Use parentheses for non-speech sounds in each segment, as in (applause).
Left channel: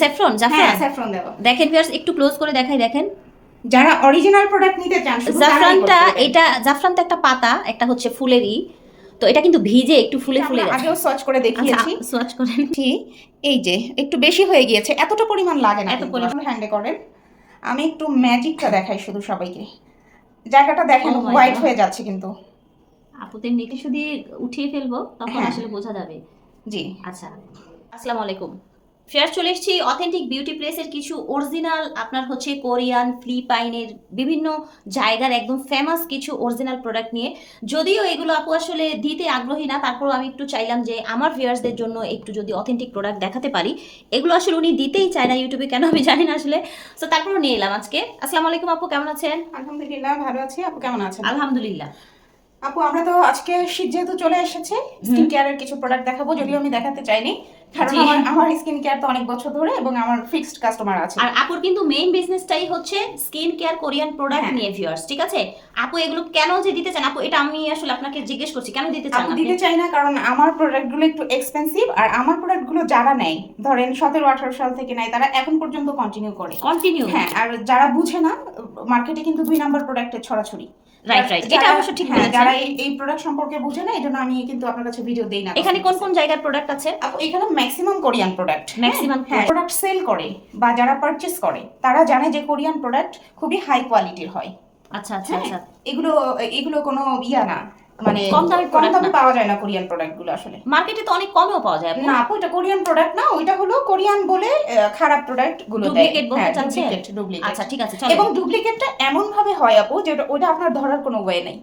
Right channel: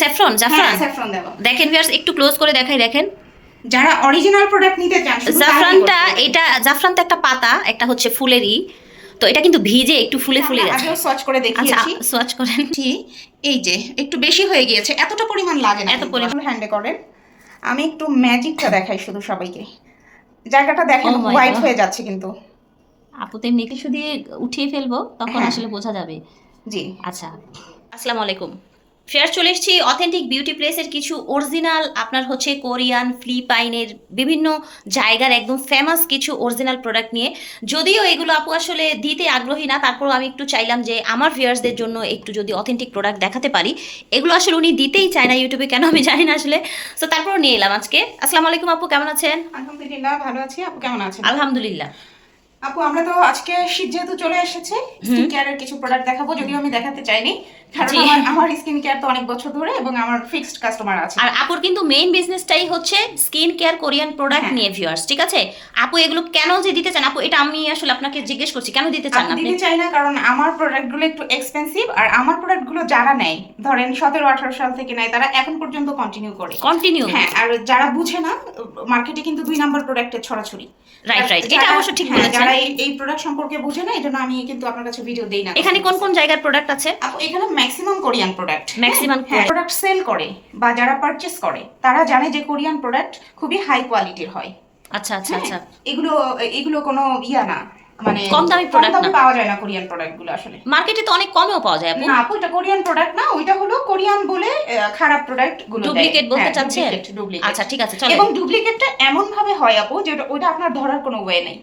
Saffron হ্যাঁ জাফরান দেখেন ভিউয়ার্স একটু ক্লোজ করে দেখাই দেখেন। যারা অরিজিনাল প্রোডাক্ট নিতে চান জাফরানটা এটা জাফরান তো একটা পাতা একটা হচ্ছে ফুলেরই। তো এটা কিন্তু ভিজে একটু ফুলে ফুলে গেছে আগেও সচ করে আচ্ছা দেখিয়েছি সোয়াচ করেন। এই যে একটু বেশি হয়ে গিয়েছে এতটা পরিমাণ লাগে না এত পরিমাণ। হ্যান্ডে করেন। আমি একটু ম্যাজিকটা দেখাই শুধু সবাইকে। জায়গাটা দেখেন Oh হোয়াইট হয়ে যাচ্ছে কিন্তু। আপু তো এমনি টিস্যু দিয়ে উঠিয়ে ফেলব তখন হ্যাঁ। আসলে বোঝা যাবে। জি। আচ্ছা আসসালামু আলাইকুম। ফেয়ার চলে এসেছি। অথেন্টিক বিউটি প্লেসের কিছু অরিজিনাল আপনার হচ্ছে কোরিয়ান ফিলিপাইনের বিভিন্ন জায়গার একদম ফেমাস কিছু অরিজিনাল প্রোডাক্ট নিয়ে। যদিও এগুলো আপু আসলে দিতে আগ্রহী না তারপরও আমি একটু চাইলাম যে আমার ভিউয়ার্সদের জন্য একটু যদি অথেন্টিক প্রোডাক্ট দেখাতে পারি। এগুলো আসলে উনি দিতেই চায় না ইউটিউবে কেন আমি জানি না আসলে। তো তারপরও নিয়ে এলাম আজকে। আসসালামু আলাইকুম আপু কেমন আছেন? আলহামদুলিল্লাহ ভালো আছি। আপু কেমন আছেন? আলহামদুলিল্লাহ। আপু আমরা তো আজকে শীত যেহেতু চলে এসেছে স্কিন কেয়ারের কিছু প্রোডাক্ট দেখাবো যদিও আমি দেখাতে চাইনি। কারণ আমার- আমার স্কিন কেয়ার তো অনেক বছর ধরে এবং আমার ফিক্সড কাস্টমার আছে। আর আপুর কিন্তু মেইন বিজনেসটাই হচ্ছে স্কিন কেয়ার কোরিয়ান প্রোডাক্ট। নিয়ে ভিউয়ার্স ঠিক আছে? আপু এগুলো কেন যে দিতে চান? আপু এটা আমি আসলে আপনাকে জিজ্ঞেস করছি কেন দিতে চান আপনি? দিতে চাই না কারণ আমার প্রোডাক্টগুলো একটু এক্সপেন্সিভ আর আমার প্রোডাক্টগুলো যারা নেয় ধরেন সতেরো আঠারো সাল থেকে নেয় তারা এখন পর্যন্ত কন্টিনিউ করে। কন্টিনিউ হ্যাঁ। আর যারা বুঝে না মার্কেটে কিন্তু দুই নাম্বার প্রোডাক্টের ছড়াছড়ি। রাইট রাইট এটা অবশ্য ঠিক হ্যাঁ, বলেছেন। যারা এই- প্রোডাক্ট সম্পর্কে বুঝে না এই জন্য আমি কিন্তু আপনার কাছে ভিডিও দেই না এখানে কোন কোন জায়গার প্রোডাক্ট আছে? আপু এখানে maximum Korean product Korean। Product sale করে বা যারা পারচেস করে তারা জানে যে কোরিয়ান প্রোডাক্ট খুবই হাই কোয়ালিটির হয়। আচ্ছা আচ্ছা আচ্ছা। এগুলো এগুলো কোনো ইয়া না মানে কম দামি product না। পাওয়া যায় না কোরিয়ান প্রোডাক্টগুলো আসলে। মার্কেটে তো অনেক কমেও পাওয়া যায় না আপু এটা কোরিয়ান প্রোডাক্ট না ওইটা হলো কোরিয়ান বলে খারাপ প্রোডাক্টগুলো ডুপ্লিকেট বলতে হ্যাঁ, চাচ্ছেন? duplicate। আচ্ছা ঠিক আছে চলো এবং ডুপ্লিকেটটা এমন ভাবে হয় আপু ওটা আপনার ধরার কোনো ওয়ে নেই।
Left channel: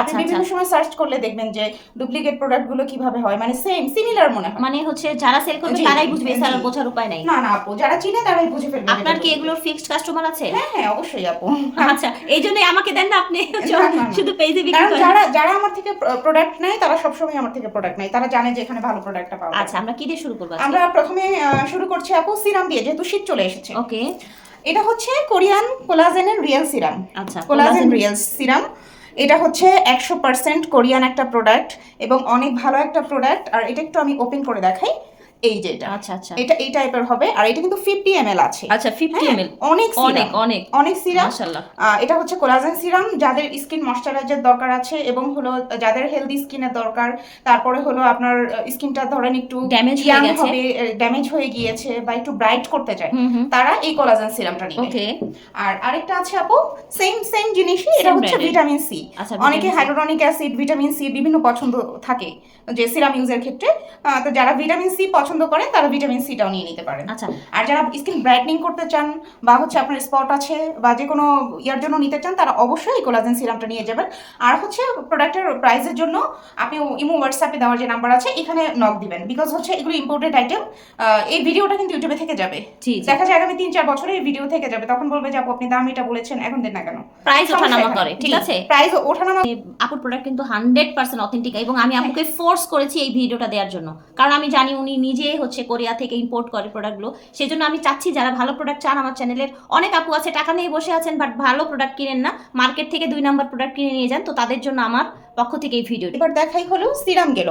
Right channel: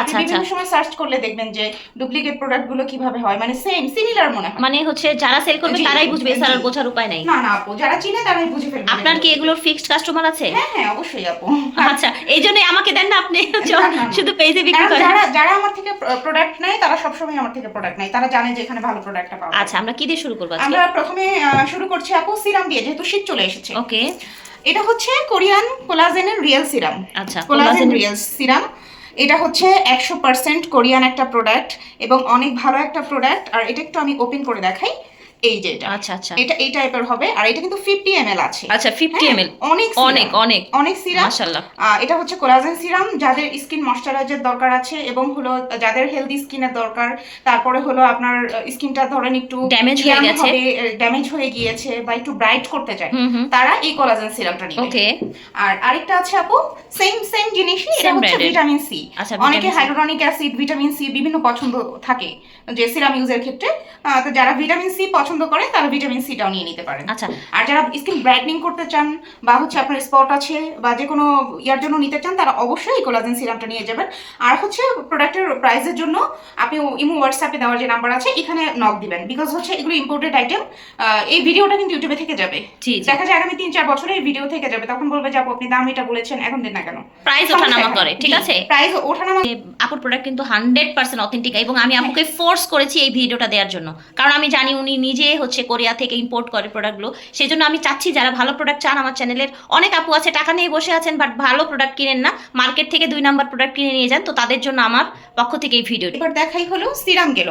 আপনি আচ্ছা, বিভিন্ন সময় সার্চ করলে দেখবেন যে ডুপ্লিকেট প্রোডাক্টগুলো কীভাবে হয়? মানে সেম সিমিলার মনে হয়। মানে হচ্ছে যারা সেল করবে তারাই বুঝবে। এছাড়া বোঝার উপায় নাই। না না আপু যারা চিনে তারাই বুঝে ফেলবে আপনার কি এগুলোর ফিক্সড কাস্টমার আছে? হ্যাঁ হ্যাঁ অবশ্যই আপু। আচ্ছা এই জন্যই আমাকে দেন না আপনি। শুধু পেজে বিক্রি করেন। যারা যারা আমার থেকে প্রোডাক্ট নেয় তারা সবসময় আমার থেকে প্রোডাক্ট নেয়। তারা জানে যে এখানে ভালো প্রোডাক্টটা পাওয়া আচ্ছা আমরা কি দিয়ে শুরু করব আজকে? আমরা প্রথমে শুরু করছি আপু সিরাম দিয়ে যেহেতু শীত চলে এসেছে। ওকে এটা হচ্ছে কোরিয়ান কোলাজেনের রিয়েল সিরাম আচ্ছা কোলাজেন রিয়েল সিরাম এটা হচ্ছে একশো পার্সেন্ট কোরিয়ান একটা প্রোডাক্ট এবং অনেক ভালো একটা প্রোডাক্ট আর এটা একটু আমি ওপেন করে দেখাই। এই আচ্ছা আচ্ছা। এটা এই টাইপের হবে আর এটা কিন্তু আছে। আচ্ছা হ্যাঁ, অনেক অনেক অনেক। অনেক সিরাম। এটা হচ্ছে কোলাজেন সিরাম যাদের স্কিন ময়শ্চারাইজার দরকার আছে এবং হলো যাদের হেলদি স্কিনের দরকার তারপরে হলো আপনার স্কিনটা ধরেন একটু Damage হয়ে গেছে। ড্যামেজ হয়ে গিয়েছে বা একটু ব্রাইট করতে চায় তারা এই কোলাজেন সিরামটা নেবে ওকে আর আরেকটা আছে আপু সেম সেম জিনিসই এটা হচ্ছে ভিটামিন সি আচ্ছা, অনেকে vitamin hyaluronic acid vitamin C বিভিন্ন পছন্দ থাকে যে সিরাম ইউজের ক্ষেত্রে। তো যারা ভিটামিন সি পছন্দ করে তারা ভিটামিন সিটাও নিয়ে নিতে পারেন। আচ্ছা। আর যারা স্কিন ব্রাইটনিং করতে চান বা হচ্ছে আপনার স্পট আছে বা যে কোনো ইয়ার জন্য নিতে চান তারা অবশ্যই কোলাজেন সিরামটা নিয়ে যাবেন। আর হচ্ছে প্রোডাক্টের প্রাইসের জন্য আপনি ইমো হোয়াটসঅ্যাপে দেওয়ার যে নাম্বার আছে এখানে নক দিবেন। বিকজ হচ্ছে এগুলো ইম্পোর্টেড আইটেম এই ভিডিওটা কিন্তু ইউটিউবে থেকে যাবে। দেখা যায় আগামী তিন চার বছরে এই ভিডিও থেকে যাবে। তখন বলবে যে আপু আপনি দাম এটা বলেছেন এখন দেন না কেন? প্রাইস ওঠানামা করে ঠিক আছে? প্রাইস ওঠানামা আপুর প্রোডাক্ট কিন্তু হান্ড্রেড পার্সেন্ট অথেন্টিক এবং আমি আপুকে ফোর্স করেছি এই ভিডিওটা দেওয়ার জন্য। কারণ আমি জানি উনি নিজে হচ্ছে কোরিয়া থেকে ইম্পোর্ট করে প্রোডাক্টগুলো সেই জন্য আমি চাচ্ছি যারা ভালো প্রোডাক্ট চান, আমার চ্যানেলের অনেক আপু আছে, টাকা নিয়ে বসে আছেন বাট ভালো প্রোডাক্ট কিনেন না। মার্কেট থেকে দুই নাম্বার প্রোডাক্ট কিনে নিয়ে যান, তো তাদের জন্য আমার পক্ষ থেকে এই ভিডিও এবার দেখাই হলো সিরাম গেল।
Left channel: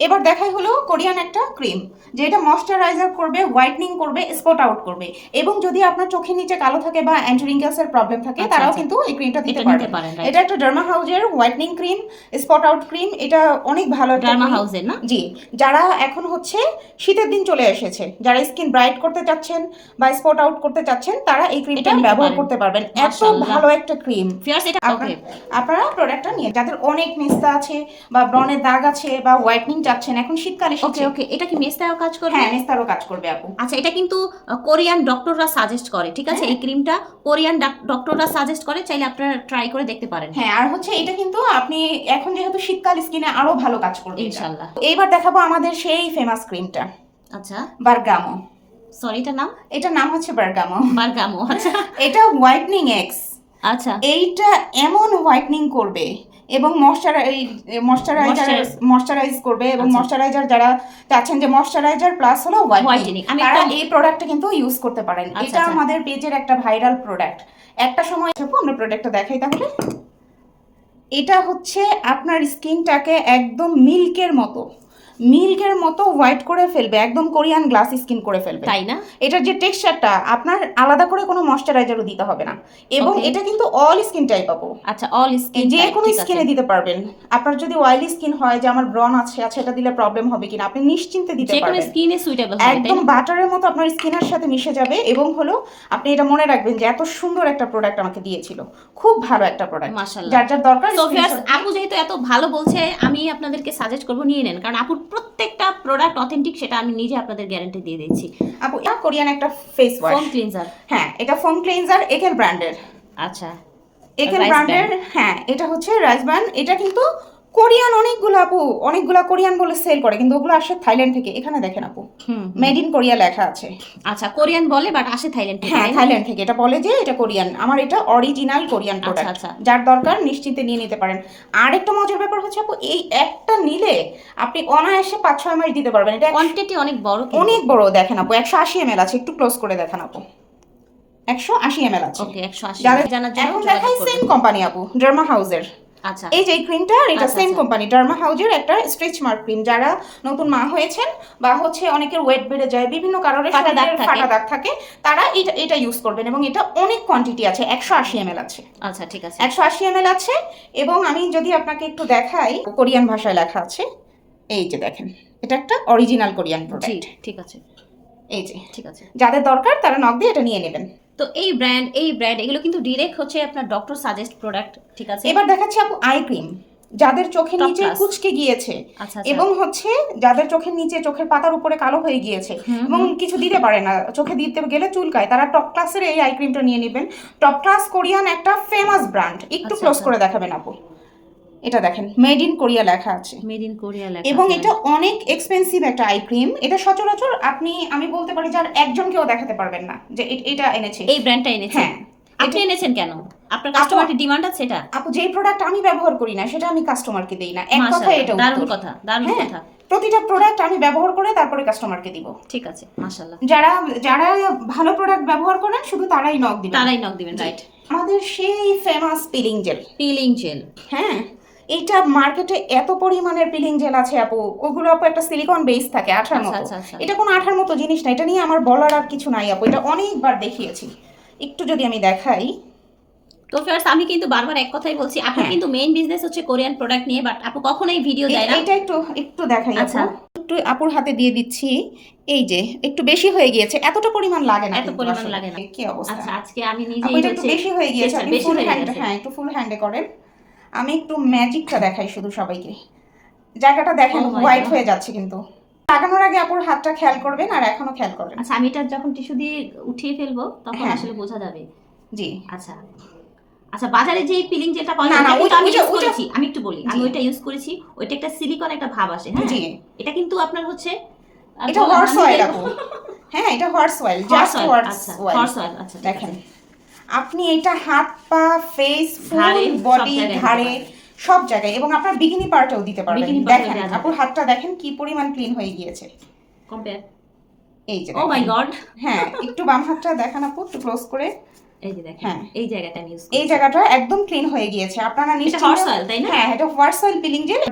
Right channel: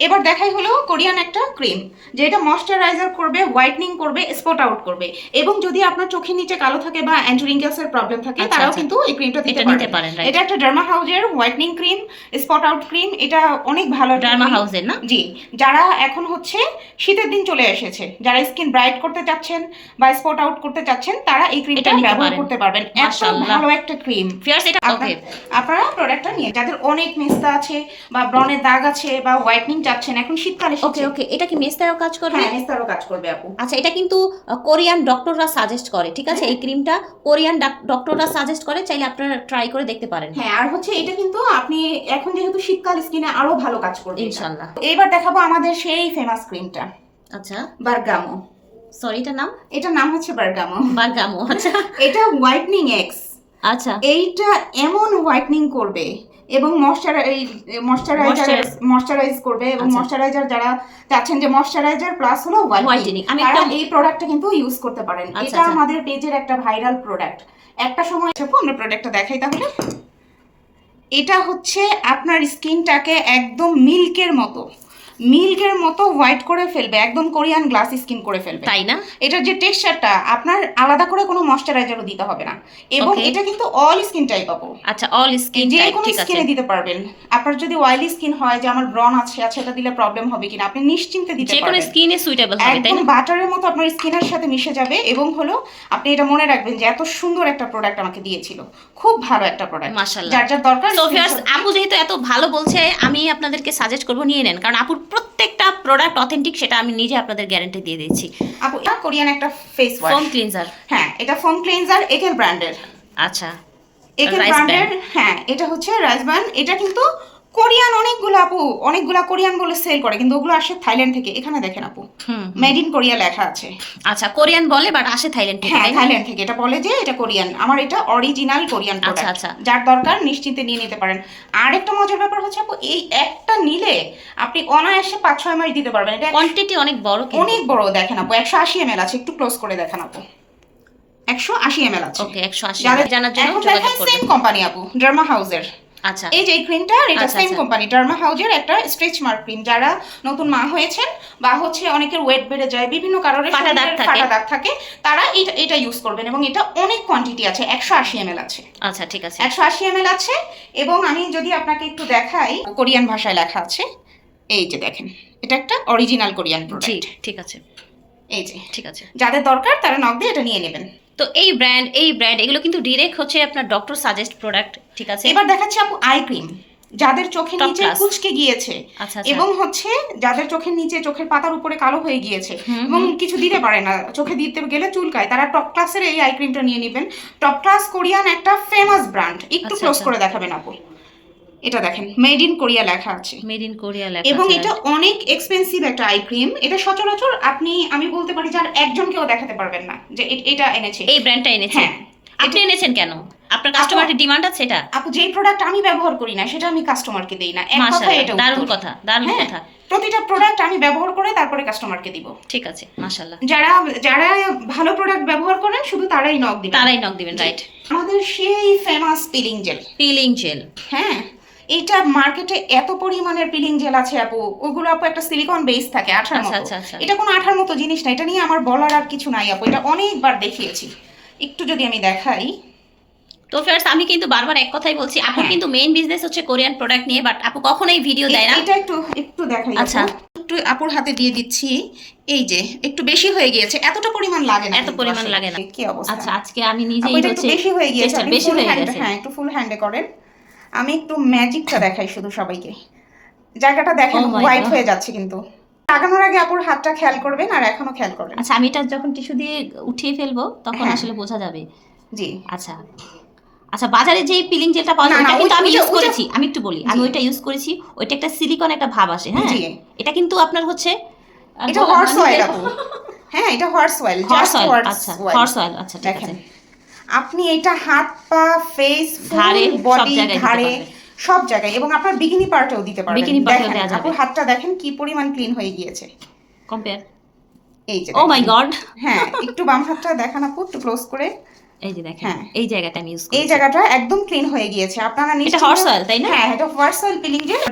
এবার দেখাই হলো কোরিয়ান একটা ক্রিম যেটা ময়শ্চারাইজার করবে হোয়াইটনিং করবে স্পট আউট করবে। এবং যদি আপনার চোখের নিচে কালো থাকে বা অ্যান্টুরিঙ্কেলস এর প্রবলেম থাকে আচ্ছা, তারাও আচ্ছা। কিন্তু এই ক্রিমটা দিতে এটা পারেন এটা একটা ডার্মা হাউজের whitening cream spot out cream এটা অনেক ভালো ডার্মা। হাউসের না? জি যারা এখন হচ্ছে শীতের দিন চলে এসেছে যারা স্কিন ব্রাইট করতে চাচ্ছেন বা স্পট আউট করতে চাচ্ছেন তারা এই ক্রিমটা এটা ব্যবহার করতে পারবেন। এত। ভালো একটা ক্রিম। ফিয়ার্স এটা ওকে আপনারা প্রোডাক্টটা নিয়ে যাদের অনেক মেস্তা আছে বা ব্রনের দাগ আছে বা হোয়াইটনিং চাচ্ছেন এখন শীতকালে ওকে ওকে এটা কি মেস্তায়ও কাজ করবে? হ্যাঁ মেস্তারও কাজ করবে আপু। আচ্ছা এটা কিন্তু কোরিয়ান ডক্টররা সাজেস্ট করে ঠিক আছে? এই ক্রিমটা কোরিয়ান ডক্টররা সাজেস্ট করে চাইলে আপনারা ট্রাই করে দেখতে পারেন। হ্যাঁ আর হচ্ছে এটা কিন্তু আপনি এখন যেহেতু শীতকাল স্কিনে আরও ভালো কাজ করবে এটা। ইনশাল্লাহ। এবার দেখাবো আমাদের সেই ফেমাস ক্রিমটা আচ্ছা। বারগামো। সরি এটার নাম? এটার নাম হচ্ছে বারগামো। বারগামো আচ্ছা। (laughs) এটা হোয়াইটনিং এক্স আচ্ছা। এইটা এমন হোয়াইটনিং করবে এবং ময়শ্চারাইজ ময়শ্চারাইজার ময়শ্চারাইজ করবে এবং মশ্চারাইজার ময়শ্চারাইজার যারা চাচ্ছেন যে ময়শ্চারাইজার প্লাস হলো হোয়াইটনিং আমি একটা- এই প্রোডাক্টটা কিন্তু ইউজ করতে পারেন। আচ্ছা, এটা আচ্ছা। আমাদের পেজের একটা ভাইরাল প্রোডাক্ট একটা সময় আপু, আমরা প্রোডাক্টটা দেখাই তাহলে। এটা হচ্ছে আপনার স্কিনটাকে একদম মিল্কের মতো। মিল্কের মতো হোয়াইট করে ফেলবে একদম কোরিয়ান গ্লাস স্কিন করে ফেলবে। তাই না? এটার যে টেক্সচারটা আপনার আলাদা করে কোনো ময়শ্চারাইজারও দিতে হবে না। এবং এটা কিন্তু অল স্কিন টাইপ আপু। আচ্ছা অল স্কিন যে কোনো স্কিনে দিতে পারবেন। আপনার যদি অয়েলি স্কিন হয় যে আমার ব্রন আছে আচ্ছা এটা দিলে প্রবলেম হবে কিনা আপনি নিশ্চিন্তে দিতে যে কোনো স্কিনে সুইটেবল হবে তাই না? বাটারের মতো আপনার স্কিনের সাথে মিশে যাবে এবং হলো আপনি এটা মনে রাখবেন যে এত সুন্দর একটা প্রোডাক্ট আমাকে দিয়েছিল। খুব ভালো একটা প্রোডাক্ট মাশাআল্লাহ। যার যার দরকার সোফিয়ার্স আপু যেহেতু এত ভালো বলছে আমি আপনাদেরকে সাজেস্ট করব নিয়ে নেন। কারণ আপুর প্রত্যেকটা প্রোডাক্ট অথেন্টিক সেটা আমি নিজে আপনাদের গ্যারান্টি দিয়ে দিচ্ছি। আপু এটা কোরিয়ান একটা ফেস ওয়াশ ফোম ক্লিনজার হ্যাঁ এটা ফোম ক্লিনজার একেল ব্র্যান্ডের আচ্ছা। একেল ব্র্যান্ডের হ্যাঁ এটা হচ্ছে রাজবান এটা কিন্তু কোরিয়ান অনেকগুলো আপু অনেকগুলো কোরিয়ান বলে সেল করে কিন্তু ওগুলো আসে থাইল্যান্ড থেকে। এখানে দেখেন আপু মেড ইন কোরিয়া লেখা আছে। আচ্ছা কোরিয়ান বলে বাট আসে থাইল্যান্ড থেকে হ্যাঁ থাইল্যান্ড থেকে। এটা বলে যে এটা কোরিয়ান। আমার এটা অরিজিনাল কোরিয়ান আচ্ছা, প্রোডাক্ট আচ্ছা। যার দরকার নিশ্চিন্তে নিয়ে নিতে পারেন। আর একটা মজার ব্যাপার হচ্ছে আপু এই একটা নিলে আপনি অনায়াসে পাঁচ ছয় মাস দিতে পারবেন। এটা কোয়ান্টিটি অনেক বড় অনেক বড় দেখেন আপু একশো আশি এম আছে। একটু ক্লোজ করে দেখেন আপু। একশো আশি এম আছে। ওকে একশো আশি। জানার জন্য যোগাযোগ করবেন। কোম্পানি আপু ডার্মা হাউসের আচ্ছা। এই যে এই ক্রিমটা এটা সেম। কোম্পানি ডার্মা হাউজের একটা স্ট্রেচ মার্ক ক্রিম যারা নতুন মা হয়েছেন বা হচ্ছে অনেকের ওয়েট বেড়ে যায় বিভিন্ন কারণে ফাটা দাগ থাকে। ফাটা দাগ থাকে তারা এটা এটা ইউজ করবেন এবং এটা অনেক কোয়ান্টিটি আছে একশো আশি এম আছে। আচ্ছা ঠিক আছে। একশো আশি এম আছে এবং আমি যদি আপনাকে একটু দেখাই কোরিয়ান ভাষায় লেখা আছে এই যে দেখেন এটা একটা অরিজিনাল কোরিয়ান প্রোডাক্ট ঠিক আছে। এই যে। ঠিক আছে। যাদের দরকার তারা নক দিয়ে এটা নিয়ে নেবেন। তো এই ব্র্যান্ড এই ব্র্যান্ড এগুলো কিন্তু ডিরেক্ট হচ্ছে আপনার ডক্টর সাজেস্ট প্রোডাক্ট ঠিক আছে? এবার দেখাচ্ছি আপু আই ক্রিম যাদের চোখের নিচে। কুচকে গিয়েছে আচ্ছা আচ্ছা। এবং হচ্ছে যাদের চোখের নিচে চোখের পাতার উপরে কালো হয়ে গিয়েছে এবং কিছু দিতে পারে না চোখে দিতে গেলে চুলকায় তারা টপ ক্লাসের এই আই ক্রিমটা নিয়ে নেবেন। টপ ক্লাস কোরিয়ান একটা ফেমাস ব্র্যান্ড একটু ক্লোজ আচ্ছা। করে দেখাবেন আপু। এটা দেখেন মেড ইন কোরিয়া লেখা আছে। মেড ইন কোরিয়া লেখা এবং এটা অনেক এক্সপেন্সিভ একটা আই ক্রিম এটা সচরাচর আপনি আমি বলতে পারি যে আর একজনকেও দেখাতে পারবেন না যে এটা এনেছে। এই ব্র্যান্ডটা এনেছেন হ্যাঁ। আপনি এনেছেন কেন? আপনার কাস্টমারের ডিমান্ড আছে এটা? আপু যেই প্রোডাক্ট আমি ব্যবহার করি না সেটা আমি কাস্টমারকে দেই না। এক কথা এটা দারুণ কথা দারুণ হ্যাঁ। কথা। প্রতিটা প্রোডাক্ট আমি ব্যবহার করে তারপরে কাস্টমারকে দিব। ঠিক আছে মাশাআল্লাহ। যারা যারা ভালো প্রোডাক্ট ব্যবহার করেন শুধু তারাই নক দিবেন। তারাই নক দিবেন রাইট আমাদের সেই famous peeling gel peeling gel হ্যাঁ। এইটা মার্কেটে এত পরিমাণের পিলিং জেল আছে আপু। ওগুলো আপু একটা সিলিকন বেস থাকে আঠার আচ্ছা মতো। আচ্ছা আচ্ছা। এটা কোনো আঠার মতো জিনিস না এটা নিয়ে আমার বলার আর কিছু নাই আপু। এটা অনেকবার দেখিয়েছি। একটু যদি আমি দেখাই। তো ফ্রেন্ডস আমি কিন্তু বারবার এক কথাই বলছি আপু হ্যাঁ। কিন্তু মেইন বিজনেস হচ্ছে কোরিয়ান প্রোডাক্ট নিয়ে বাট আপু কখনোই ভিডিও দেয় না। এটা একটু একটু দেখাই আচ্ছা। একটু আপুর হাতে দিয়ে দিচ্ছি। এই যে একটু বেশি হয়ে গিয়েছে। এতটা পরিমাণ লাগে না এত পরিমাণ লাগে না। কি অবস্থা? আচ্ছা আজকে আমি নিজেই এটা একটু বেশি হয়ে গিয়েছে। আপনি ফুল হয়ে হ্যান্ড হ্যাঁ একটু ফুল হ্যান্ডে করেন। আমি একটু ম্যাজিকটা দেখাই শুধু সবাইকে। জায়গাটা দেখেন Oh হোয়াইট হয়ে যাচ্ছে কিন্তু। লাগানোর আগে আপুর হাতটা খেয়াল করবেন আর এখনও খেয়াল করবেন। আচ্ছা আমি এটা যখন টিস্যু দিয়ে উঠিয়ে ফেলব তখন হ্যাঁ। আসলে বোঝা যাবে। জি। আচ্ছা। আচ্ছা বাজারে যেই পিলিং জেলটা পাওয়া যায় না, ওটা আমি ইউজ করেছি। আমি একটু বলি আমি। ওইটা ইউজ করেছি ওইটা একটা সিলিকন একটা ভাব আসে হ্যাঁ? জি। এটা কিন্তু আপনার হচ্ছে এটা হর্স অয়েল আপু। হ্যাঁ এটা হর্স অয়েল জাস্ট হর্স আচ্ছা অয়েল হর্স অয়েল আচ্ছা দেখেন। আপনি এটা হাত পা ফেস ফুল বডি ধারে ঘাড়ে সব জায়গায়। এবং আপনার বিকিনি পার্টেও দিতে পারবেন। দেখেন আপুর হাতটা দেখেন কি পরিমাণ ক্লিন হয়ে গিয়েছে। কম্পেয়ার এই যে ও মাই। গড হ্যাঁ একটু বাম হাতটা দেখান আপু একটু ক্লোজ করে। এই যে দেখেন হ্যাঁ। এই জায়গাটা আমি ইউজ এই জায়গাটা একদম ক্লিন হয়ে গিয়েছে। আপনারা এটা নিশ্চিন্তে তাই না? হ্যাঁ এটা পিলিং জেল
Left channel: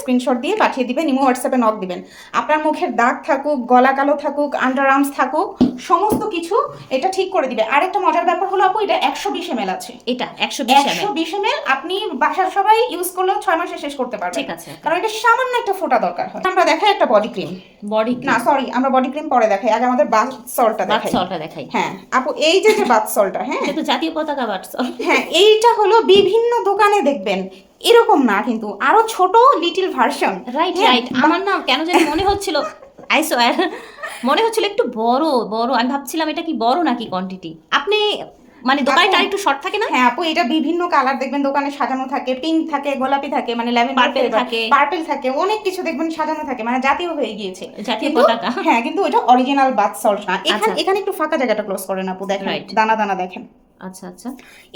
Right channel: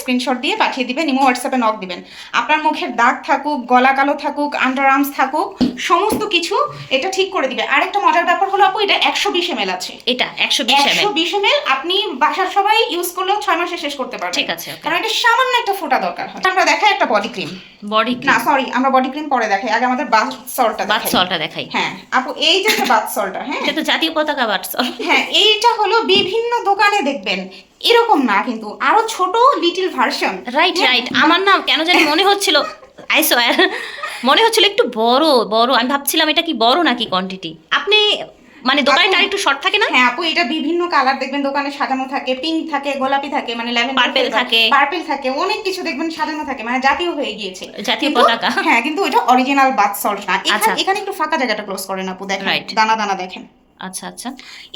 স্ক্রিনশট দিয়ে পাঠিয়ে দিবেন ইমো হোয়াটসঅ্যাপে নক দিবেন। আপনার মুখের দাগ থাকুক গলা কালো থাকুক আন্ডার আর্মস থাকুক সমস্ত কিছু এটা ঠিক করে দিবে। আরেকটা মজার ব্যাপার হলো আপু এটা একশো বিশ এম আছে। এটা একশো বিশ এম একশো বিশ আপনি বাসার সবাই ইউজ করলেও ছয় মাসে শেষ করতে পারবেন। ঠিক আছে কারণ এটা সামান্য একটা ফোঁটা দরকার হয়। আমরা দেখাই একটা বডি ক্রিম বডি না সরি আমরা বডি ক্রিম পরে দেখাই। আগে আমাদের বাথ সলটা বাথ দেখাই। দেখাই। হ্যাঁ আপু এই যে বাথ সলটা হ্যাঁ। এটা তো জাতীয় পতাকা বাটসল হ্যাঁ এইটা হলো বিভিন্ন দোকানে দেখবেন। এরকম না কিন্তু আরও ছোট লিটল ভার্সন রাইট রাইট আমার না কেন জানি মনে হচ্ছিল আই সোয়ার মনে হচ্ছিল একটু বড় বড়। আমি ভাবছিলাম এটা কি বড় নাকি কোয়ান্টিটি আপনি মানে দোকানটা একটু শর্ট থাকে না? হ্যাঁ আপু এটা বিভিন্ন কালার দেখবেন দোকানে সাজানো থাকে পিঙ্ক থাকে গোলাপি থাকে মানে ল্যাভেন্ডার পার্পল থাকে। পার্পল থাকে অনেক কিছু দেখবেন সাজানো থাকে মানে জাতীয় হয়ে গিয়েছে। জাতীয় পতাকা। হ্যাঁ কিন্তু এটা অরিজিনাল বাথ সল্ট না। আচ্ছা। এখানে এখানে একটু ফাঁকা জায়গাটা ক্লোজ করেন আপু দেখেন। দানা দানা দেখেন। আচ্ছা আচ্ছা।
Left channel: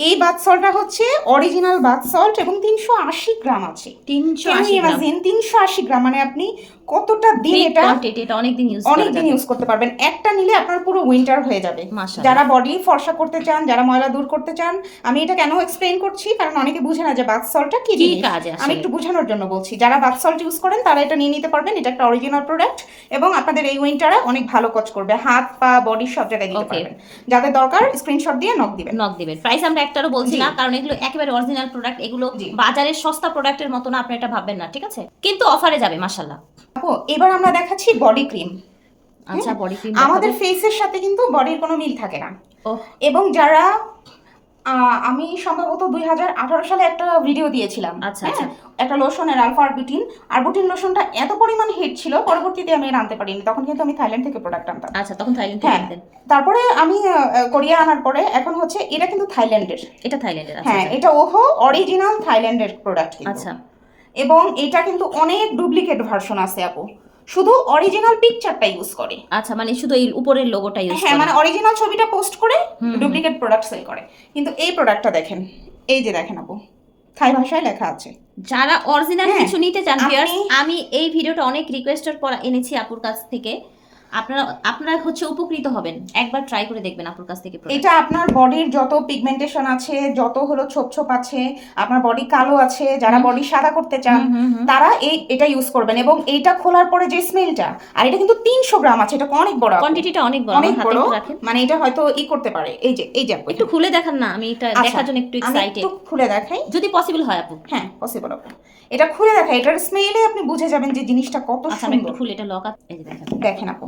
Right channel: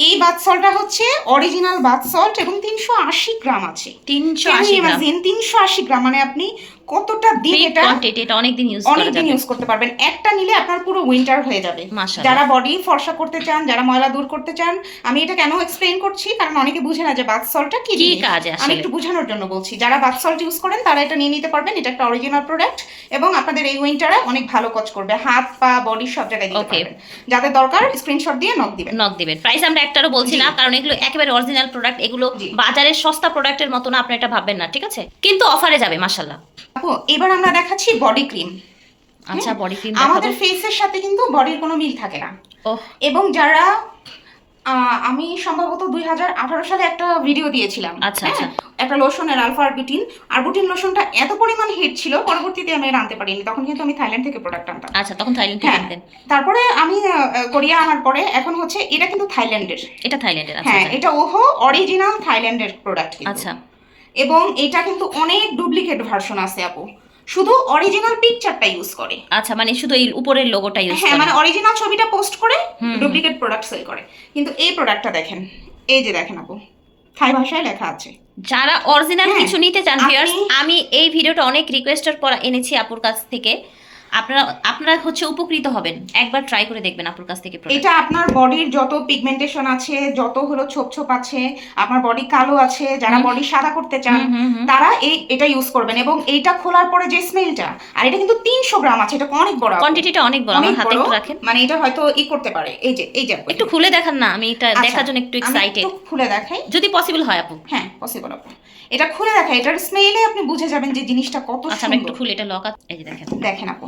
এই বাথ সল্টটা হচ্ছে অরিজিনাল বাথ সল্ট এবং তিনশো আশি গ্রাম আছে। তিনশো আশি গ্রাম। তিনশো আশি গ্রাম মানে আপনি কতটা দিন এটা কোয়ান্টিটি এটা অনেক দিন ইউজ করা যাবে। ইউজ করতে পারবেন। একটা নিলে আপনার পুরো উইন্টার হয়ে যাবে। যারা বডি ফর্সা করতে চান যারা ময়লা দূর করতে চান আমি এটা কেন এক্সপ্লেইন করছি? কারণ অনেকে বুঝে না যে বাথ সল্টটা কি। কাজে আমি একটু বোঝানোর জন্য বলছি। যারা বাথ সল্ট ইউজ করেন তারা এটা নিয়ে নিতে পারবেন। এটা একটা অরিজিনাল প্রোডাক্ট এবং আপনাদের এই উইন্টারে অনেক ভালো কাজ করবে। হাত পা বডি সব জায়গায় দিতে পারবেন। যাদের দরকার স্ক্রিনশট দিয়ে নক দিবেন। নক দিবেন। প্রাইস আমরা একটারও বলছি না কারণ এগুলো একেবারে অরিজিনাল প্রোডাক্ট এগুলো বাজারের সস্তা প্রোডাক্টের মতো না আপনি এটা ভাববেন না ঠিক আছে? কিন্তু অফারে যাবে মাশাল্লাহ আপু এবার আমরা দেখাচ্ছি বডি ক্রিম আচ্ছা বডি ক্রিম আমাদের ফেসের সাথে কিন্তু বডির কোনো মিল থাকে না। এবং যারা আমি সম্ভবত দুই হাজার আঠারো সালে একটা ভিডিও দিয়েছিলাম। আচ্ছা, হ্যাঁ? আচ্ছা। একটা লোশনের আলফা আরবিটিন আরবিটিন লোশনটা এত পরিমাণ হিট ছিল পরবর্তীতে আমি আর আনতে পারিনি। তখন কিন্তু আমি থাইল্যান্ড থেকে প্রোডাক্ট আনতাম। আচ্ছা তখন থাইল্যান্ড থেকে হ্যাঁ। আনতেন। তারপরে আমি কোরিয়া আনার পরে এখন হচ্ছে এটা কিন্তু থাইল্যান্ডের এটা থাইল্যান্ডের আচ্ছা হ্যাঁ আচ্ছা। এটা ওহো অরিজিনাল থাইল্যান্ডের প্রোডাক্ট আচ্ছা। এবং এটা কিন্তু অনেক ডুপ্লিকেট ভার্সন আছে আপু। শুধু অরিজিনাল পিকচারটা ইউজ করে। আচ্ছা মানে শুধু এই উপরের লোগোটা ইউজ হ্যাঁ করে। মানে অরিজিনাল ছবিটা পোস্ট করে। ডুপ্লিকেট প্রোডাক্ট সেল করে। কিন্তু এই প্রোডাক্টটা দেখেন এই যে দেখেন আপু থাই ভাষায় লেখা আছে। যারা অরিজিনাল হ্যাঁ, কিছু নিতে চান ভিউয়ার্স আমি এই ভিডিওটা অনেক রিকোয়েস্টের পর এনেছি আপুর কাছ থেকে। আপনারা আপনারা হচ্ছে উপকৃত হবেন। একবার ট্রাই করে দেখবেন আপুর কাছ থেকে এটা আপনার বডির যত পিগমেন্টেশন আছে যত হলো ছোপ ছোপ আছে আপনার বডি কালো আছে যারা বডি সাদা করতে চান। তারা এই এটা ইউজ করবেন এবং এইটা খোলার পরে যে স্মেলটা আর এটা কিন্তু তিনশো গ্রাম আছে এটা অনেক বড় কোয়ান্টিটিটা অনেক বড় আমার হাতে রাখেন। মানে এটা হয়তো ই করতে পারে। এই যে এই যে একটু খুলে দেখান না আমি এটা আচ্ছা, দেখার জন্য একটু এক্সাইটেড খুলে দেখাই। যদি পসিবল হয় আপু। হ্যাঁ পসিবল আপু এটা খুলে দেখাই এটার স্মেলে আপনি বুঝে যাবেন যে জিনিসটা কত আচ্ছা আমি একটু খুলে এটা লক এই যে দেখেন। দেখেন আপু।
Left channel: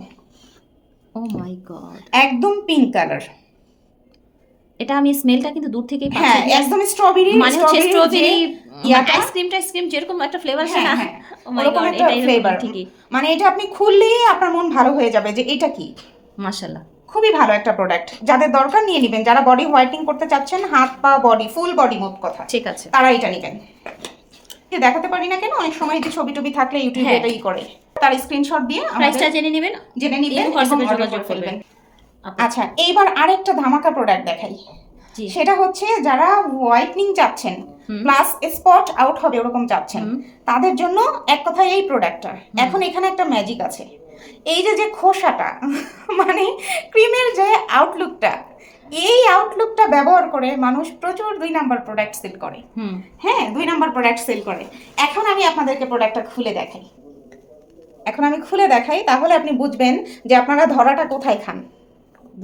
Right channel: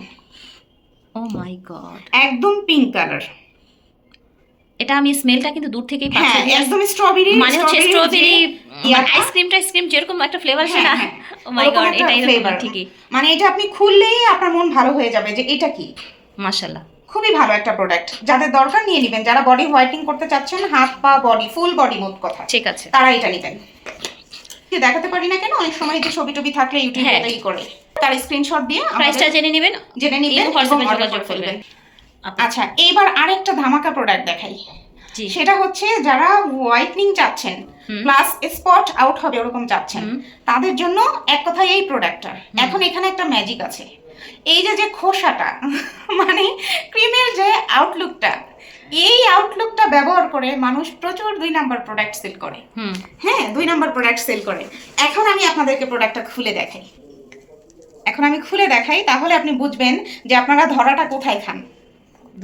ও মাই গড একদম পিঙ্ক কালার এটা আমি স্মেলটা কিন্তু দূর থেকেই হ্যাঁ পাচ্ছি। একদম স্ট্রবেরি মানে হচ্ছে স্ট্রবেরি ইয়াটা- আইসক্রিম যেরকম একটা ফ্লেভার আছে না। ও মাই গড এটা এরকম ঠিকই। মানে এটা আপনি খুললেই আপনার মন ভালো হয়ে যাবে যে এটা কি? মাশাআল্লাহ। খুবই ভালো একটা প্রোডাক্ট যাদের দরকার নিয়ে নেবেন। যারা বডি হোয়াইটিং করতে চাচ্ছেন হাত পা বডি ফুল বডি মোট কথা। ঠিক আছে। তারা এটা নেবেন। দেখাতে পারি না কেন? অনেক সময় যে ছবি টবি থাকলে ইউটিউবে হ্যাঁ। এটাই করে। তার স্ক্রিনশট দিয়ে প্রাইসটা জেনে নেবেন জেনে নিবেন হোয়াটসঅ্যাপে যোগাযোগ করবেন। আচ্ছা এইবার আরেকটা ধামাকা প্রোডাক্ট দেখাই। সেটা হচ্ছে যারা হোয়াইটনিং চাচ্ছেন প্লাস স্পট আউট হবে ওরকম চাচ্ছেন তাদের জন্য এক কথায় এই প্রোডাক্টটা এখন এখানে একটা ম্যাজিক আছে। এই যে যে খোসাটা (laughs) মানে ক্রিমের যে আউটলুকটা এই আউটলুকটা ব্যবহার করে মানুষ প্রচুর দুই নাম্বার প্রোডাক্ট সেল করে। হ্যাঁ দুই নাম্বার প্রোডাক্ট সেল করে। এখন আমি আপনাদেরকে প্রোডাক্টটা খুলে দেখাই। এখন আমি খুলে দেখাই তাহলে আপনি বুঝবেন যে আপনারা ধরাটা কোথায় খান।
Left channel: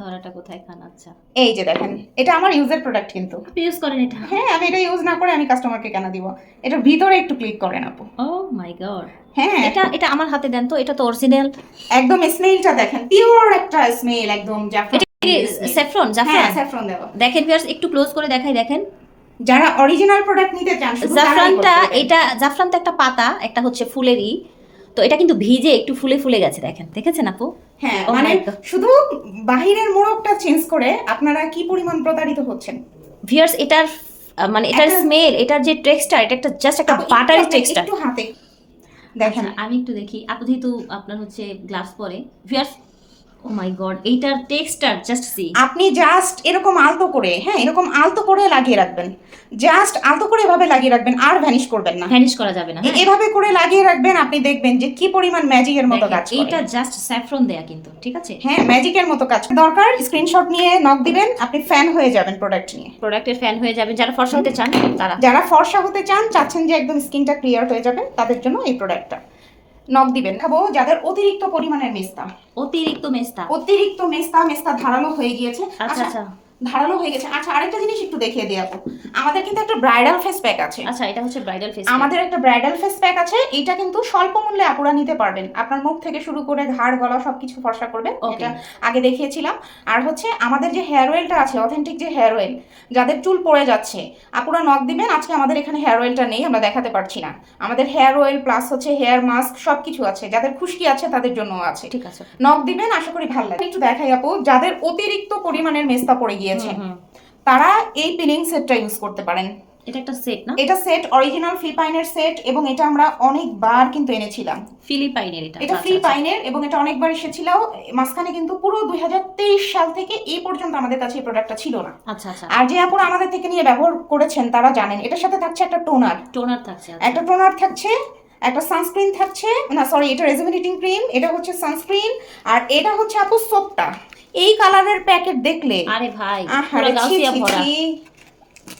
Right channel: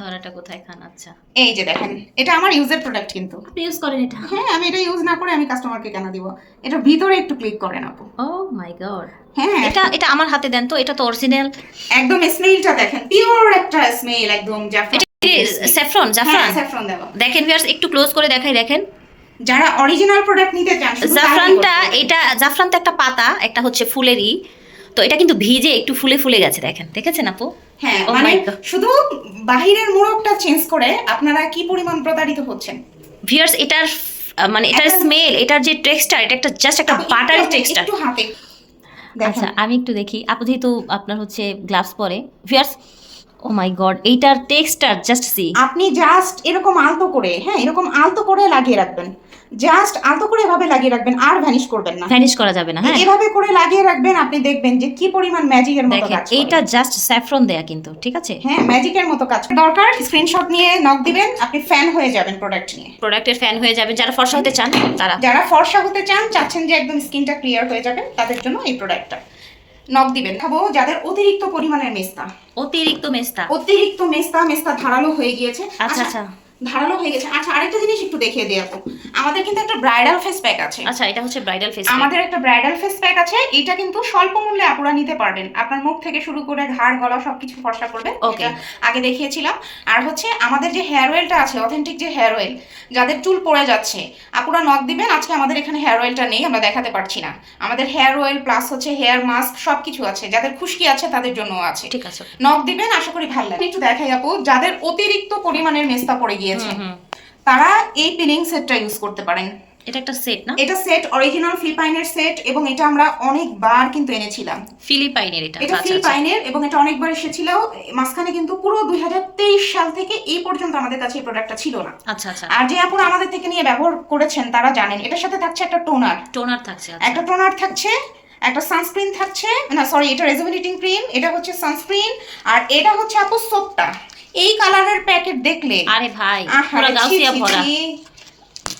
ধরাটা কোথায় খান আচ্ছা। এই যে দেখেন এটা আমার ইউজের প্রোডাক্ট কিন্তু। আপনি ইউজ করেন এটা? হ্যাঁ আমি এটা ইউজ না করে আমি কাস্টমারকে কেন দিব? এটার ভিতরে একটু ক্লিক করেন আপু। ও মাই গড হ্যাঁ। এটা এটা আমার হাতে দেন তো এটা তো অরিজিনাল একদম স্মেলটা দেখেন পিওর একটা স্মেল একদম জাফরান। স্যাফরন জাফরান? স্যাফরন দেখেন ভিউয়ার্স একটু ক্লোজ করে দেখাই দেখেন। যারা অরিজিনাল প্রোডাক্ট নিতে চান জাফরানটা এটা জাফরান তো একটা পাতা একটা হচ্ছে ফুলেরই। তো এটা কিন্তু ভিজে একটু ফুলে ফুলে গেছে দেখেন। দেখেছেন আপু? হ্যাঁ Oh মানে শুধু বাহিরের মোড়কটা চেঞ্জ করে আপনারা কি পরিমাণ প্রতারিত হচ্ছেন? ভিউয়ার্স এটার মানে এটার স্মেল এটার যে টেক্সচার এটা একটা জাস্ট একটা বাটারি টেক্সচার আচ্ছা আমি একটু দেখি। আপু যেহেতু আপনার হচ্ছে গ্লাভস পরে ভিউয়ার্স ও মাই গড এইটার টেক্সচার জাস্ট সি আপনি জাস্ট এরকম আলতো করে হ্যাঁ এরকম আলতো করে লাগিয়ে রাখবেন। জাস্ট আলতো করে এভাবে লাগিয়ে রাখবেন আর ভ্যানিশ করবেন না। ভ্যানিশ করা যাবে না হ্যাঁ। এভাবে করে লাগিয়ে রাখবেন আপনি দেখবেন যে কি পরিমাণ ম্যাজিকের মতো কাজ করে। এইটা জাস্ট স্যাফরন দেয়া কিন্তু ঠিক আছে? হ্যাঁ ম্যাজিকের মতো কাজ। দরকার স্ক্রিনশট নিয়ে নক দিবেন আপনি ফ্যান হয়ে যাবেন প্রোডাক্ট নিয়ে। প্রোডাক্টের ফ্যান হয়ে যাবেন যারা ফর্সা হতে চান তারা। যারা ফর্সা হতে চান চাচ্ছেন যে একদম স্কিনটা ক্লিয়ার হয়ে যাবে তাদের জন্য এই প্রোডাক্টটা নক দিবেন খাব যাদের অতিরিক্ত পরিমাণের মেস্তা। অতিরিক্ত মেস্তা। অতিরিক্ত মেস্তা মেস্তা ধারালো হয়ে গিয়েছে। আচ্ছা আচ্ছা। ধারালো হয়ে গেছে। আচ্ছা আরেকটা জিনিস একটু দেখিয়ে দিই আপু আমাদের কিন্তু একটা ব্রাইডাল ফেস প্যাক আছে। আচ্ছা এটা হচ্ছে ব্রাইডাল ফেস আমাদের একটা ব্রাইডাল ফেস প্যাক আছে। এটা কিন্তু স্বল্প মূল্যে আপুরা নিতে পারবেন। আপনার মুখ থেকে শুরু করে ঘাড় গলা সবকিছু ফর্সা করবে. এটা আগে দেখিয়েছিলাম। আর হচ্ছে আমাদের যে হেয়ার অয়েলটা আছে অথেন্টিক যে হেয়ার অয়েল যাদের চুল পড়ে যাচ্ছে আপুরা নক দিবেন আজকে আমাদের এখানে হেয়ার অয়েলটা নেই আমরা দেখাতে পারছি না। আমাদের হেয়ার অয়েল প্লাস হচ্ছে হেয়ার মাস্ক সবকিছু আছে। যাদের খুশকি আছে তাদের জন্য আছে। ঠিক আছে। নক দিবেন আশা করি ভালো লাগবে। একটু দেখাই আপু যাদের অতিরিক্ত পরিমাণের মেস্তা পড়ে গিয়েছে হুম। তারা এই পিলিং সেটটা ইউজ করতে পারেন। এটা একটা সেট না? এটা সেট অরিজিনাল ফিলিপাইনের সেট এবং এটা আমরা অনেকবার কিন্তু এনেছিলাম। ফিলিপাইনের এটা এটা আচ্ছা, আচ্ছা। ফিলিপাইনের এবং এটা অনেকবার এসেছিল। মাঝখানে কিন্তু পুরো দুই হাজার তেইশ সাল থেকে এই পর্যন্ত আমাদের কাছে এই প্রোডাক্টটা ছিল না। আচ্ছা আচ্ছা। আর যে আপুরা আমাদের থেকে নিয়ে ব্যবহার করেছেন তারা জানেন। এটার সাথে থাকছে একটা টোনার টোনার থাকছে আচ্ছা। একটা টোনার থাকছে একটা সানস্ক্রিন থাকছে না সরি এটা রেজুমিনেটিং ক্রিম এটা হচ্ছে সানস্ক্রিন আর এটা হচ্ছে আপু সোপটা এই কালারের প্যাকেট দেখলে আরে ভাই পুরো গাউসিয়া ভরা।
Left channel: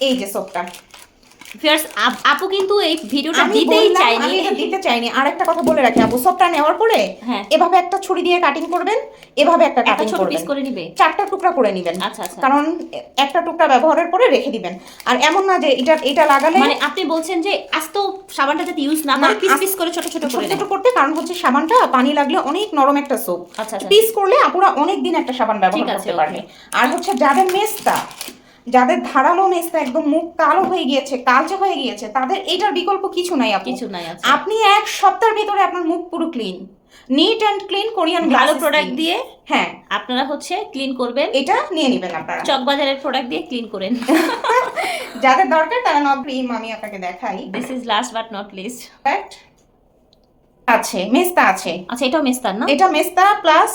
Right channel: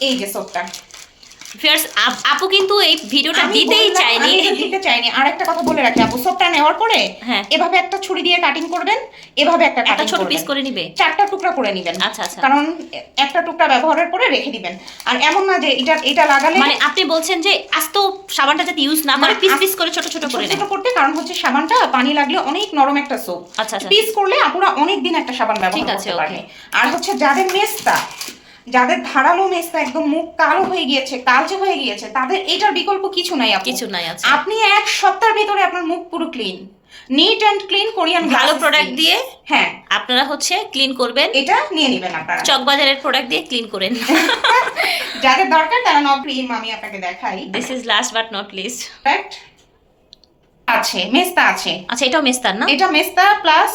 এই যে সোপটা ফিয়ার্স আপু কিন্তু এই ভিডিওটা দিতেই চাইনি। দিতে চাইনি। আর একটা কথা বলে রাখি আপু সোপটা নেওয়ার পরে হ্যাঁ। এভাবে একটা ছুরি দিয়ে কাটিং করবেন এভাবে একটা কাটিং ছোট পিস করে নিবে? চারটা টুকরা করে নেবেন। আচ্ছা আচ্ছা। কারণ একটা টুকরা ব্যবহারের পরে রেখে দিবেন। আর এমন না যে এটা এটা লাগালে মানে আপনি বলছেন যে আস্ত সাবানটা যাতে ইউজ না করে পিস পিস করে ছোট ছোট করে ছোট করতে কারণ হচ্ছে সাবানটা পানি লাগলে অনেক নরম একটা সোপ আচ্ছা আচ্ছা। পিস করলে আপুরা অনেক দিন একটা সাবান ঠিক ব্যবহার আছে, করতে। পারবে। আর হচ্ছে যাদের মেস্তা যাদের ধারালো মেস্তা একদম মুখ কালো হয়ে গিয়েছে কালচে হয়ে গিয়েছে তাদের এটার বিকল্প কিছু নাই কিছু নাই আছে। আপনি এক সপ্তাহের ভিতরে আপনার মুখ পুরো clean neat and clean Korean ভালো প্রোডাক্ট দিয়ে। হ্যাঁ। আপনারা হচ্ছে ক্লিন করবেন। এটা নিয়ে নেবেন আপনারা। চকবাজারের প্রোডাক্ট দিয়ে ক্লিন করেন। (laughs) যাদের দরকার তারা নক ক্রিম আমি আপনাকে দেখাই। This is last but not least? আছে মেস্তা আছে। আচ্ছা এটাও মেস্তার না? এটা মেস্তা প্লাস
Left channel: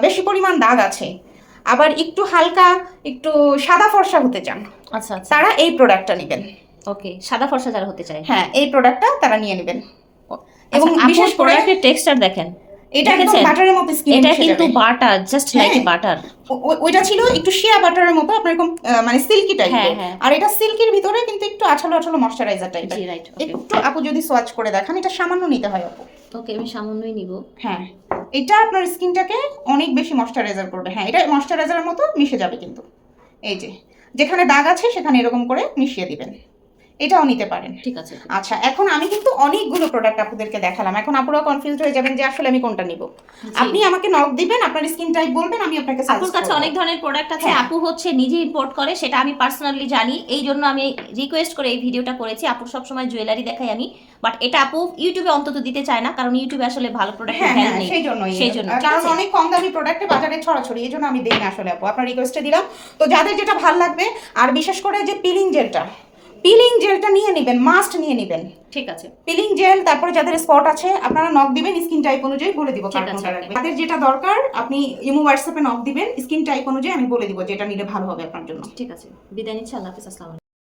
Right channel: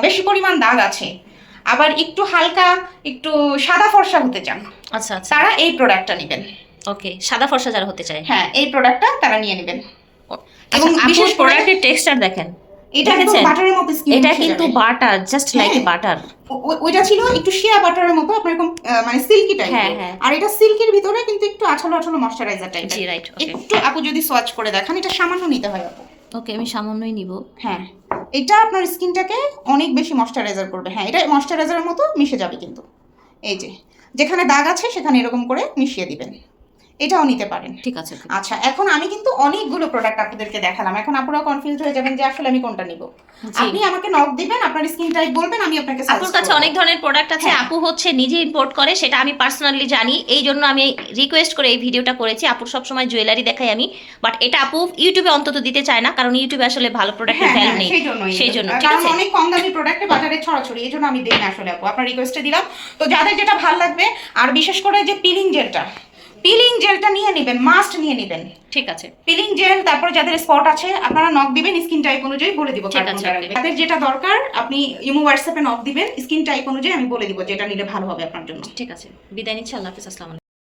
বেশি পরিমাণ দাগ আছে। আবার একটু হালকা একটু সাদা ফর্সা হতে চান। আচ্ছা আচ্ছা। তারা এই প্রোডাক্টটা নেবেন। ওকে সাদা ফর্সা যারা হতে চায়। হ্যাঁ এই প্রোডাক্টটা তারা নিয়ে নেবেন। আচ্ছা এবং বিশেষ প্রোডাক্টের টেক্সচার দেখেন। এটা দেখেছেন? বাটারের মতো স্কিন এটা কিন্তু বাটার জাস্ট লাইক এ হ্যাঁ। বাটার ওইটা ছিল একটু শিয়া বাটারের মতো আপনার এরকম মানে সিল্কি হ্যাঁ, টাইপের হ্যাঁ। আর এটা সিল্কের ভিতরে কিন্তু একটু আঠালো আঠালো ময়শ্চারাইজার টাইপের জি রাইট একটু আপু যদি সোয়াচ করে দেখান এটা সামান্য নিতে হয় আপু। ওকে, আমি সামান্যই নিব। হ্যাঁ এটা আপনার স্কিনটাকে অনেক বেশি ময়শ্চারাইজার করবে। হ্যাঁ এটা ময়শ্চারাইজারের মতো মিশে যাবে কিন্তু। এই যে, যেখানে দাগ আছে সেখানে এরকম করে মিশিয়ে দিবেন। এটাও নিতে পারেন। ঠিক আছে আচ্ছা এখন আমি কিন্তু অনেকগুলো প্রোডাক্ট আপনাদেরকে দেখালাম। এখন আপনারা কনফিউজড হয়ে যাবেন যে আসলে আমি কোনটা নিব। আপনি আমাকে নক দিবেন আপনার স্কিন টাইপ বলবেন আমি আপনাকে আপুর কাছে অনেক ধরনের প্রোডাক্ট আছে। হ্যাঁ। আপু হচ্ছে নিজে ইম্পোর্ট করে সেটা আমি পার্সোনালি জানি। এই জন্য আমি রিকোয়েস্ট করে এই ভিডিওটা করেছি। আপুর সবসময় জুয়েলারি দেখাই আমি। বাট এটা আপু ইউটিউবে অন্তত দিতে চায় না কারণ ইউটিউবে আসলে ভালো প্রোডাক্টের হ্যাঁ, ভ্যালু হ্যাঁ, নেই। সেই জন্য, কারণ? অনেক কম দামি প্রোডাক্টে বাজারে ছড়াছড়ি এই জন্য আমি দেই না আসলে আপু। আপনার রিকোয়েস্টে দিলাম। তো যাদের যেটা ভালো লাগবে আর বিশেষ করে যে পিলিং জেলটা পিলিং জেলটা নিয়ে নেবেন মাস্ট নিয়ে নেবেন। ঠিক আছে। পিলিং জেল তারপর যাদের স্পট আছে আপনারা নক দিবেন স্কিন টাইপ অনুযায়ী বলে দিব ঠিক আছে, কোনটা যাদের যেটা দরকার আপনি ইমো হোয়াটসঅ্যাপে নক দিবেন স্কিন টাইপ অনুযায়ী আমি বলে দিব যেটা নিলে ভালো হবে আপনার জন্য। ঠিক আছে বিদায় নিচ্ছি আল্লাহ হাফিজ আসসালামু